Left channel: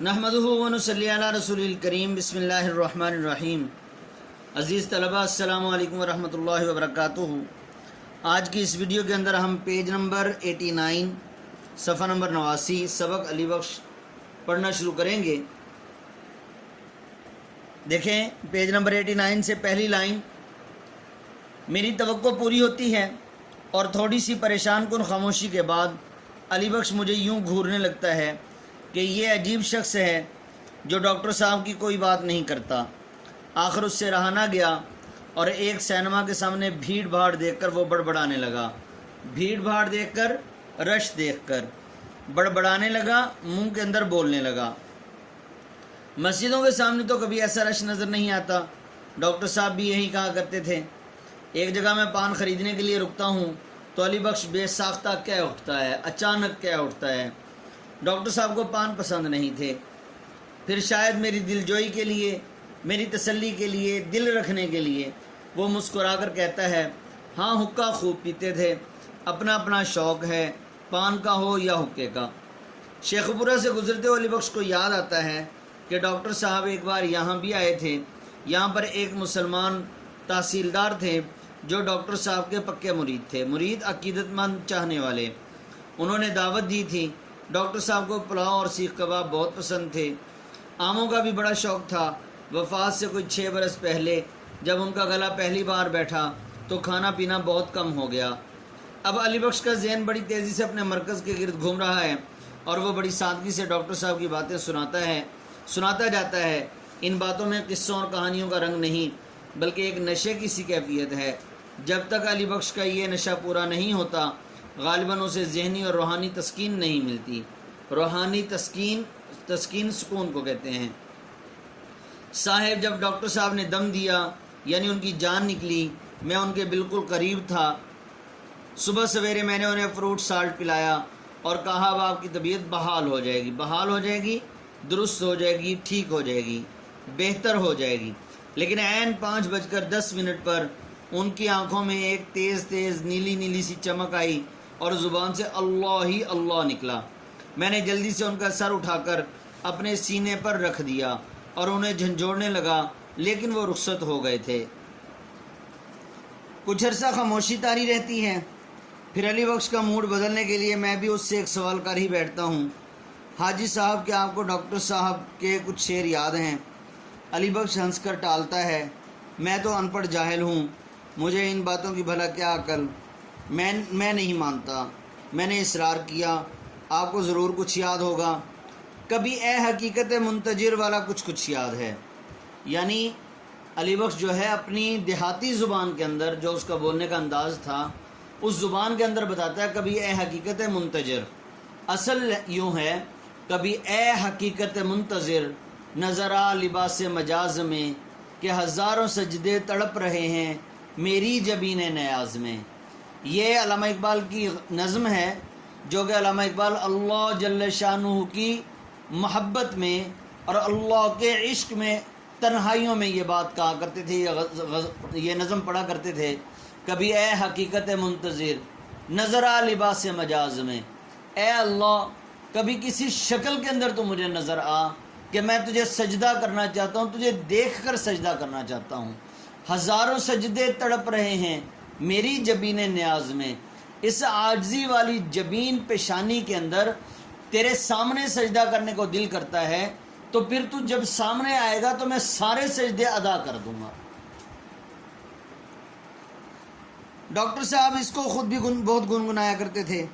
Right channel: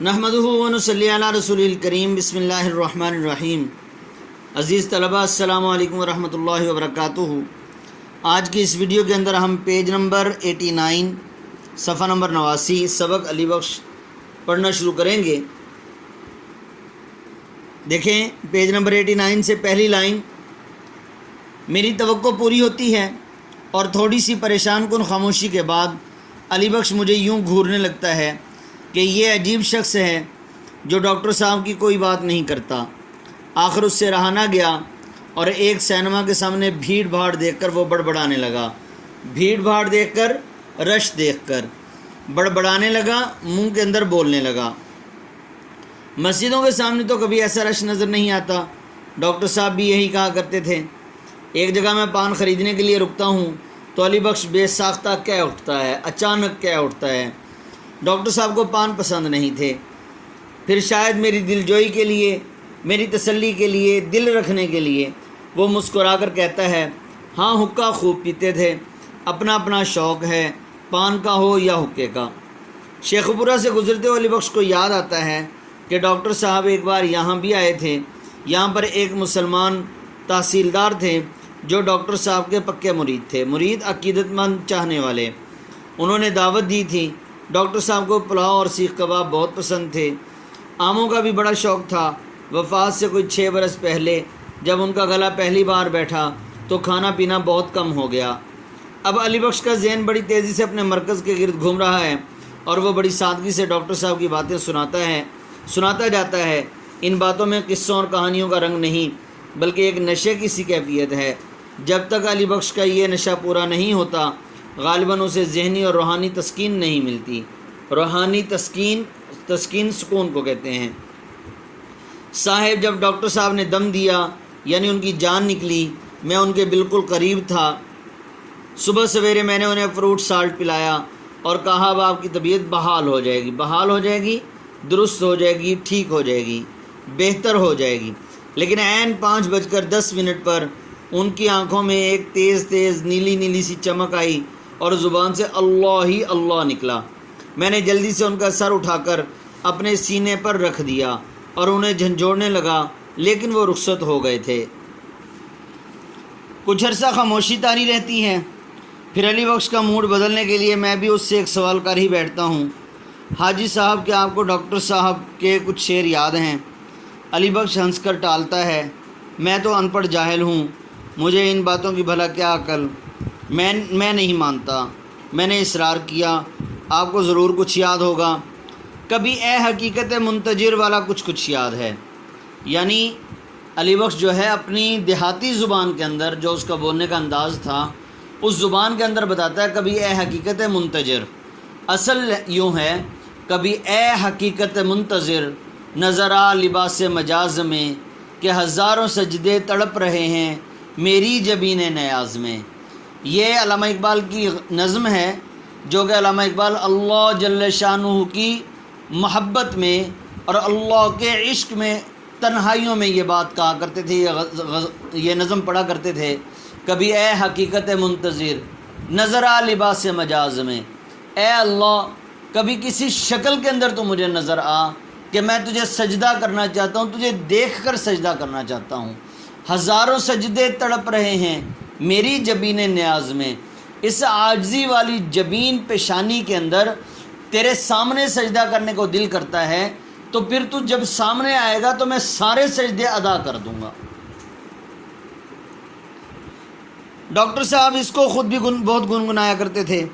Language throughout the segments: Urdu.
نحمدہ و نصلی علی رسول الکریم بسم اللہ الرحمن الرحیم۔ عزیز طلبہ السلام علیکم ورحمۃ اللہ وبرکاتہ۔ آج کی اس ویڈیو کے اندر ہم پیج نمبر 89 صفحہ نمبر 89 سبق علی بخش پڑھنا شروع کریں گے۔ دیکھیں پیج نمبر 89 سے پہلی لائن، میری توقع پوری ہوتی ہے اور تھوڑی سی پریشان کن خاموشی کے بعد علی بخش مجھے یوں گھورنے لگتا ہے کہ یہ عجیب شخص ہے جو ڈاکٹر صاحب کی کوئی بات نہیں کرتا۔ آخر اس سے رہا نہ گیا اور ایک سینما کے سامنے بھیڑ بھاڑ دیکھ کر وہ بڑبڑانے لگا۔ بھیڑ بھاڑ دیکھ کر، رش دیکھ کر بڑبڑانے لگا، منہ کے اندر بولنے لگا۔ مسجدوں کے سامنے تو کبھی ایسا رش نظر نہیں آتا، ڈاکٹر صاحب بھی یہی کہا کرتے تھے۔ ایک جگہ میں پان خریدنے کے لیے رکتا ہوں تو علی بخش بے ساختہ کہہ اٹھتا ہے، اچانک کہہ اٹھتا ہے، ڈاکٹر صاحب کو پان پسند نہیں تھے۔ پھر شاید میری دلجوئی کے لیے، میری تسلی کے لیے، دل رکھنے کے لیے وہ مسکرا کر کہتا ہے، ہاں حقہ خوب پیتے تھے، اپنا اپنا شوق ہے، پان کا ہو یا حقے کا۔ شیخ پورہ سے گزرتے ہوئے علی بخش کو یاد آتا ہے کہ ڈاکٹر صاحب ایک بار یہاں بھی آئے تھے۔ یہاں پر ایک مسلمان تحصیلدار تھے جو ڈاکٹر صاحب کے پکے مرید تھے، مرید عقیدت مند چاہنے والے۔ انہوں نے دعوت دی تھی۔ ڈاکٹر صاحب کو پلاؤ اور سیخ کباب بہت پسند تھے۔ آموں کا بھی بڑا شوق تھا۔ وفات سے کوئی 6 برس پہلے جب ان کا گلا پہلی بار بیٹھا تو کھانا پینا بہت کم ہو گیا۔ اب علی بخش کا ذہن بڑی تیزی سے اپنے مرکز کے گرد گھوم رہا ہے اور وہ بڑی سادگی سے ڈاکٹر صاحب کی باتیں سناتا جاتا ہے۔ ان باتوں میں قصوں اور کہانیوں کا رنگ نہیں بلکہ ایک نشے کی سی کیفیت ہے۔ جب تک علی بخش کا یہ نشہ پورا نہیں ہوتا غالباً اسے ذہنی اور روحانی تسکین نہیں ملتی۔ روحانی تسکین سکون کو کہتے ہیں۔ صاحب جب ڈاکٹر صاحب نے دم دیا یعنی ان کی جان نکلی، میں ان کے بالکل قریب تھا۔ صبح سویرے میں نے انہیں فروٹ سالٹ پلایا اور کہا اب آپ کی طبیعت بحال ہو جائے گی، درست ہو جائے گی، ٹھیک ہو جائے گی، بہتر ہو جائے گی۔ لیکن عین 5:10 پر ان کی آنکھوں میں ایک تیز نیلی سی چمک آئی اور زبان سے اللہ ہی اللہ نکلا۔ میں نے جلدی سے ان کا سر اٹھا کر اپنے سینے پر رکھ دیا اور انہیں جھنجھوڑنے لگا، لیکن وہ رخصت ہو گئے تھے۔ کچھ عرصہ خاموشی طاری رہتی ہے، پھر علی بخش کا موڈ بدلنے کے لیے میں بھی اس سے ایک سوال کر ہی بیٹھتا ہوں، حاجی صاحب کیا آپ کو ڈاکٹر صاحب کے کچھ شعر یاد ہیں؟ علی بخش ہنس کر ٹالتا ہے، میں تو ان پڑھ جاہل ہوں، مجھے ان باتوں کی بھلا کیا عقل، میں نہیں مانتا۔ میں نے اصرار کیا، آپ کو ضرور کچھ یاد ہوگا، کبھی اے حقیقت منتظر والا کچھ یاد ہے۔ یعنی علی بخش جو ہے اپنی دیہاتی زبان کے اندر جو اس کا بولنے کا انداز تھا اس زبان کے اندر بتاتا ہے کبھی اے حقیقت منتظر۔ اصل یوں ہے، کبھی اے حقیقت منتظر نظر آ لباس مجاز میں کہ ہزاروں سجدے تڑپ رہے ہیں میری جبین نیاز میں۔ یہ علامہ اقبال کی نظم ہے جو کہ علامہ اقبال اللہ جل شانہ کی محبت میں اور اللہ کے عشق میں تنہائیوں میں یہ بات کہا کرتے تھے، یہ نظم پڑھا کرتے تھے، کبھی اے حقیقت منتظر نظر آ لباس مجاز میں، اے اللہ کبھی کسی شکل کے اندر تو مجھے نظر آ کہ میں تجھے سجدہ کرنا چاہتا ہوں، تجھے دیکھ کر سجدہ کرنا چاہتا ہوں۔ ہزاروں سجدے تڑپ رہے ہیں میری جبین نیاز میں، اس عاجزی والی جبین پیشانی کے اندر تیرے سامنے سجدہ کرنے کو دل کرتا ہے، تو پھر تو جب سامنے آئے گا تو میں سارے سجدے ادا کر دوں گا۔ ڈاکٹر صاحب اس کو خود بھی بہت گنگنایا کرتے تھے۔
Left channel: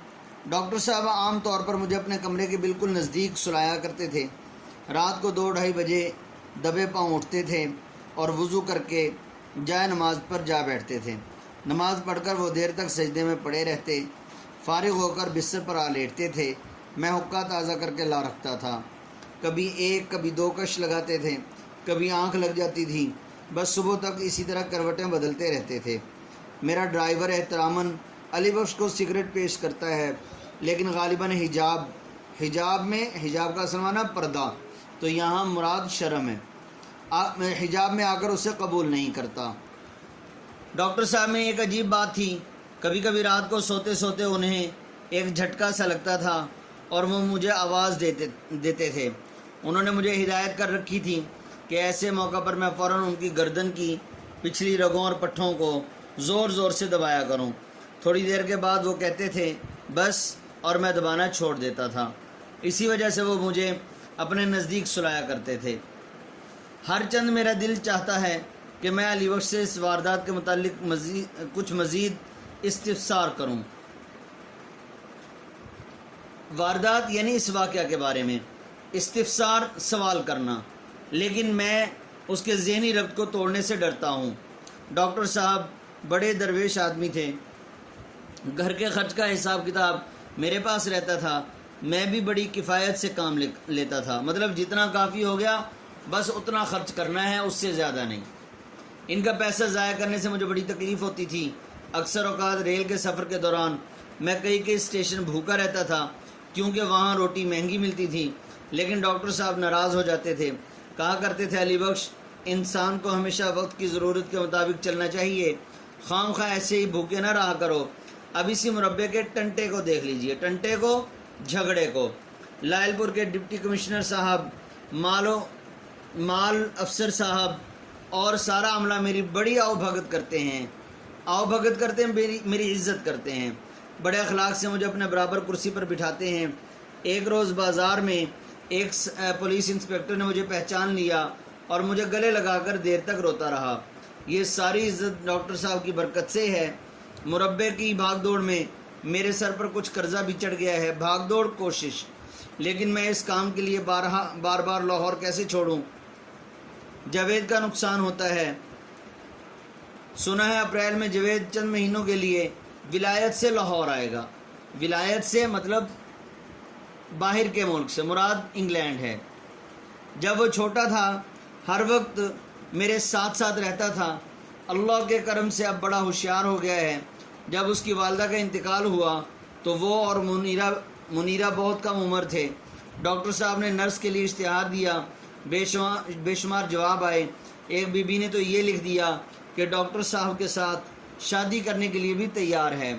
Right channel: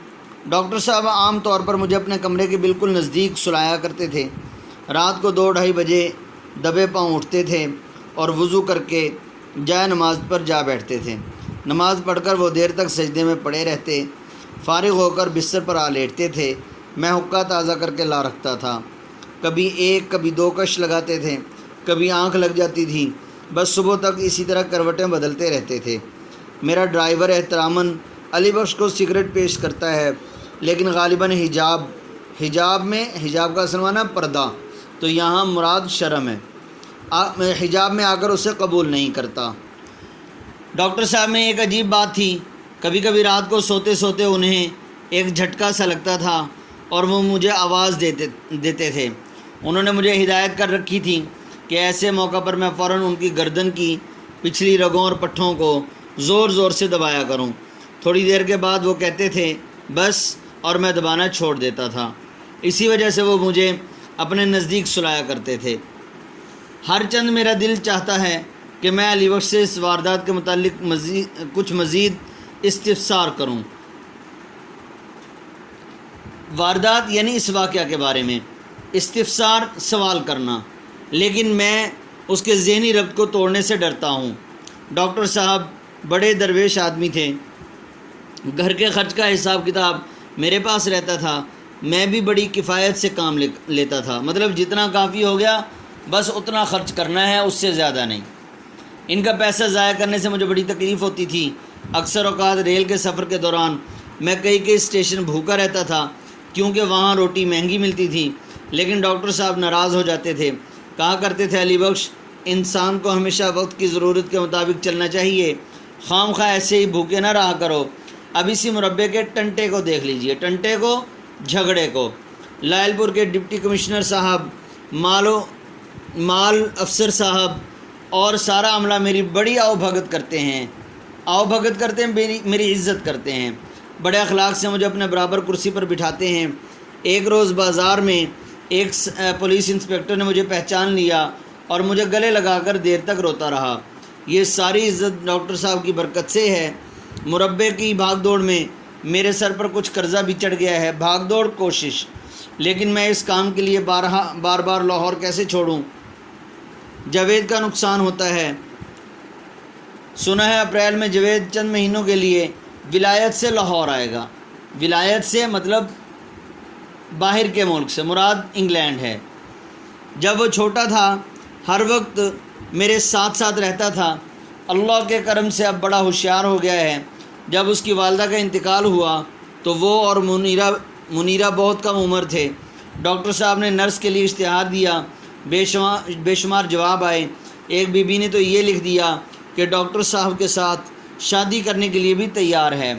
ڈاکٹر صاحب عام طور پر مجھے اپنے کمرے کے بالکل نزدیک سلایا کرتے تھے۔ رات کو 2-2:30 بجے دبے پاؤں اٹھتے تھے اور وضو کر کے جائے نماز پر جا بیٹھتے تھے۔ نماز پڑھ کر وہ دیر تک سجدے میں پڑے رہتے، فارغ ہو کر بستر پر آ لیٹتے تھے۔ میں حقہ تازہ کر کے لا رکھتا تھا، کبھی 1 کبھی 2 کش لگاتے تھے، کبھی آنکھ لگ جاتی تھی، بس صبح تک اسی طرح کروٹیں بدلتے رہتے تھے۔ میرا ڈرائیور احتراماً علی بخش کو سگریٹ پیش کرتا ہے، لیکن غالباً حجاب کا اصل معنی پردہ، تو یہاں مراد شرم ہے، حجاب میں آ کر اسے قبول نہیں کرتا۔ ڈاکٹر صاحب میں ایک عجیب بات تھی، کبھی کبھی رات کو سوتے انہیں ایک جھٹکا سا لگتا تھا اور وہ مجھے آواز دیتے تھے، انہوں نے مجھے ہدایت کر رکھی تھی کہ ایسے موقع پر میں فوراً ان کی گردن کی پچھلی رگوں اور پٹھوں کو زور زور سے دبایا کروں۔ تھوڑی دیر کے بعد وہ کہتے تھے بس، اور میں دبانا چھوڑ دیتا تھا۔ اسی وجہ سے وہ مجھے اپنے نزدیک سلایا کرتے تھے۔ ہر چند میرا دل چاہتا ہے کہ میں علی بخش سے اس واردات کے متعلق کچھ مزید استفسار کروں۔ واردات یعنی اس واقعہ کے بارے میں استفسار، سوال کرنا، لیکن میں اس کے ذہنی ربط کو توڑنے سے ڈرتا ہوں۔ ڈاکٹر صاحب بڑے درویش آدمی تھے، گھر کے خرچ کا حساب کتاب میرے پاس رہتا تھا، میں بھی بڑی کفایت سے کام لیتا تھا، مطلب جتنا کافی ہو گیا بس اتنا خرچ کرنا ہے، اس سے زیادہ نہیں۔ ان کا پیسہ ضائع کرنے سے مجھے بڑی تکلیف ہوتی تھی۔ اکثر اوقات ریل کے سفر کے دوران میں کئی اسٹیشن بھوکا رہتا تھا کیونکہ وہاں روٹی مہنگی ملتی تھی، لیکن ڈاکٹر صاحب ناراض ہو جاتے تھے، کہا کرتے تھے علی بخش انسان کو ہمیشہ وقت کی ضرورت کے مطابق چلنا چاہیے، خام خواہ ایسے ہی بھوکے نہ رہا کرو۔ اب اسی مربے کے ٹنٹے کو دیکھ لیجئے، ٹنٹے کو، جھگڑے کو۔ لائل پور کے ڈپٹی کمشنر صاحب، مال افسر صاحب اور سارا عملہ میری بڑی آؤ بھگت کرتے ہیں، میری عزت کرتے ہیں، بڑے اخلاق سے مجھے اپنے برابر کرسی پر بٹھاتے ہیں۔ ایک روز بازار میں ایک پولیس انسپکٹر نے مجھے پہچان لیا اور مجھے گلے لگا کر دیر تک روتا رہا۔ یہ ساری عزت ڈاکٹر صاحب کی برکت سے ہے۔ مربے کی بھاگ دوڑ میں میرے سر پر کچھ قرضہ بھی چڑھ گیا ہے، بھاگ دوڑ کوشش، لیکن میں اس کام کے لیے بار بار لاہور کیسے چھوڑوں؟ جاوید کا نقصان ہوتا ہے۔ سنا ہے اپریل میں جاوید چند مہینوں کے لیے ولایت سے لاہور آئے گا۔ ولایت سے مطلب باہر کے ملک سے، مراد انگلینڈ ہے۔ جب وہ چھوٹا تھا ہر وقت میرے ساتھ رہتا تھا، اللہ کے کرم سے اب بڑا ہوشیار ہو گیا ہے۔ جب اس کی والدہ کا انتقال ہوا تو وہ اور منیرہ بہت کم عمر تھے۔ ڈاکٹر صاحب نے نرس کے لیے اشتہار دیا، بے شمار جواب آئے۔ ایک بی بی نے تو یہ لکھ دیا کہ ڈاکٹر صاحب کے ساتھ شادی کرنے کے لیے بھی تیار ہے۔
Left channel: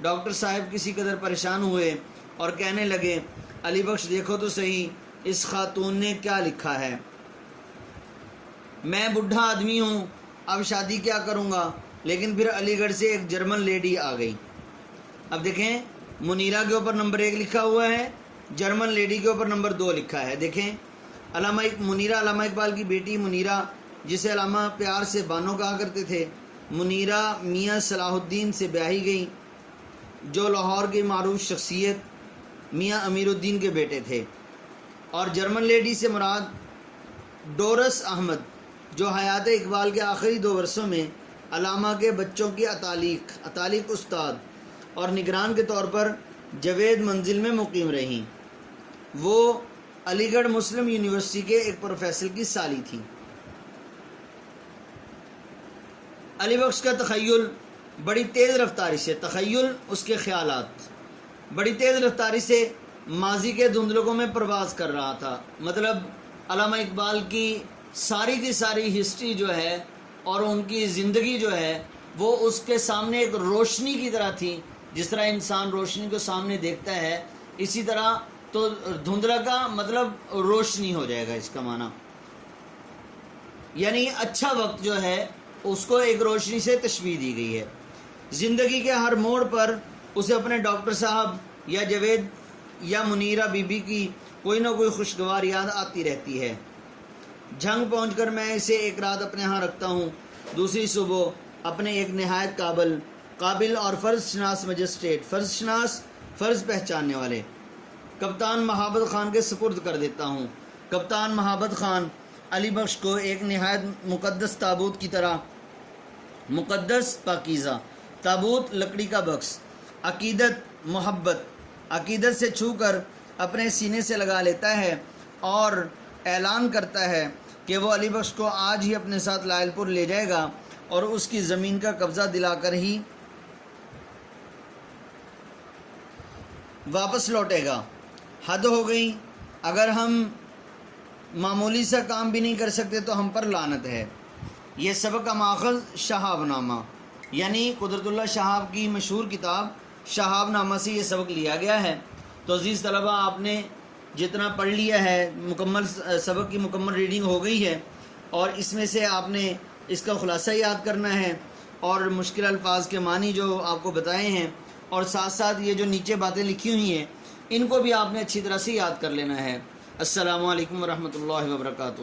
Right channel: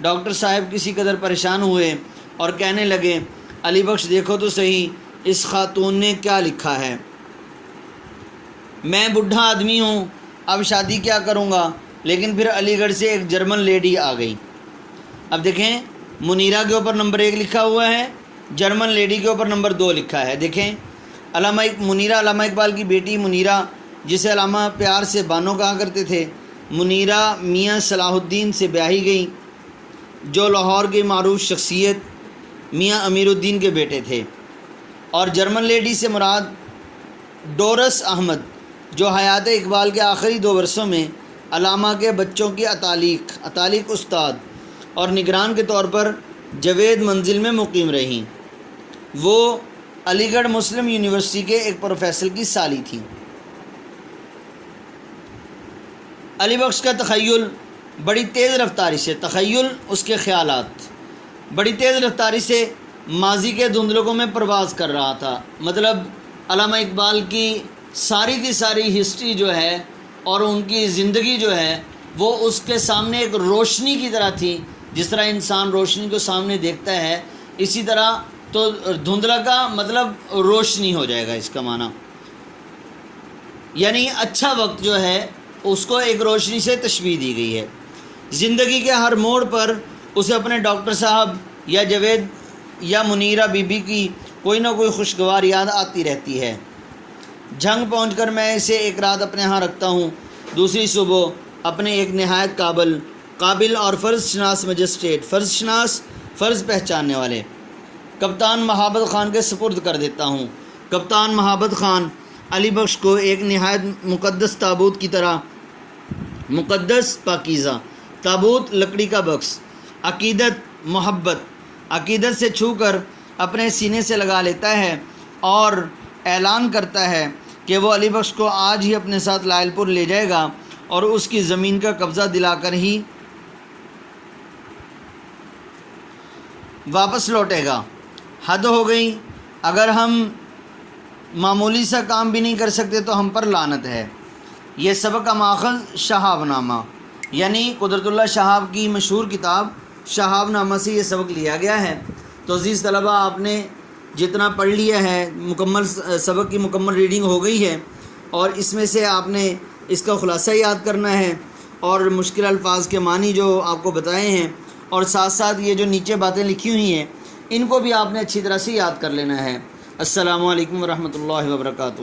ڈاکٹر صاحب کسی قدر پریشان ہوئے اور کہنے لگے علی بخش دیکھو تو صحیح اس خاتون نے کیا لکھا ہے، میں بوڑھا آدمی ہوں، اب شادی کیا کروں گا؟ لیکن پھر علی گڑھ سے ایک جرمن لیڈی آ گئی۔ اب دیکھیں منیرہ کے اوپر نمبر 1 لکھا ہوا ہے، جرمن لیڈی کے اوپر نمبر 2 لکھا ہے۔ دیکھیں منیرہ علامہ اقبال کی بیٹی منیرہ، جسے علامہ پیار سے بانو کہا کرتے تھے، منیرہ میاں صلاح الدین سے بیاہی گئی، جو لاہور کی معروف شخصیت میاں امیر الدین کے بیٹے تھے۔ اور جرمن لیڈی سے مراد ڈورس احمد، جو حیات اقبال کے آخری 2 برسوں میں علامہ کے بچوں کی اتالق استاد اور نگران کے طور پر جاوید منزل میں مقیم رہیں۔ وہ علی گڑھ مسلم یونیورسٹی کے ایک پروفیسر کی سالی تھی۔ علی بخش کا تخیل بڑی تیز رفتاری سے، تخیل اس کے خیالات بڑی تیز رفتاری سے ماضی کے دھندلکوں میں پرواز کر رہا تھا۔ مطلب علامہ اقبال کی ساری ہسٹری جو ہے اور ان کی زندگی جو ہے وہ اس کے سامنے ایک روشنی کی طرح تھی۔ جس طرح انسان روشنی کو سامنے دیکھتا ہے، اسی طرح تو دھندلا کا مطلب روشنی ہو جائے گا، اس کا معنی یعنی اچھا وقت جو ہے اس کو ایک روشنی سے تشبیہ دی گئی ہے۔ زندگی کے ہر موڑ پر اسے اپنے ڈاکٹر صاحب یا جاوید یا منیرہ بی بی کی کوئی نہ کوئی خوشگوار یاد آتی رہتی ہے۔ جھنگ پہنچ کر میں اسے ایک رات اپنے ہاں رکھتا ہوں، دوسری صبح اپنے ایک نہایت قابل اور فرض شناس مجسٹریٹ، فرض پہچاننے والے کپتان مہابت خان کے سپرد کر دیتا ہوں۔ کپتان مہابت خان علی بخش کو ایک نہایت مقدس تابوت کی طرح، مقدس پاکیزہ تابوت، لکڑی کا بکس، عقیدت سے چھو کر اپنے سینے سے لگا لیتا ہے اور اعلان کرتا ہے کہ وہ علی بخش کو آج ہی اپنے ساتھ لائل پور لے جائے گا اور اس کی زمین کا قبضہ دلا کر ہی واپس لوٹے گا۔ حد ہو گئی، اگر ہم معمولی سا کام بھی نہیں کر سکتے تو ہم پر لعنت ہے۔ یہ سبق کا ماخذ شہاب نامہ، یعنی قدرت اللہ شہاب کی مشہور کتاب شہاب نامہ سے یہ سبق لیا گیا ہے۔ تو عزیز طلبہ، آپ نے جتنا پڑھ لیا ہے مکمل سبق کی مکمل ریڈنگ ہو گئی ہے، اور اس میں سے آپ نے اس کا خلاصہ یاد کرنا ہے اور مشکل الفاظ کے معنی جو آپ کو بتائے ہیں، اور ساتھ ساتھ یہ جو نیچے باتیں لکھی ہوئی ہیں ان کو بھی آپ نے اچھی طرح سے یاد کر لینا ہے۔ السلام علیکم ورحمۃ اللہ وبرکاتہ۔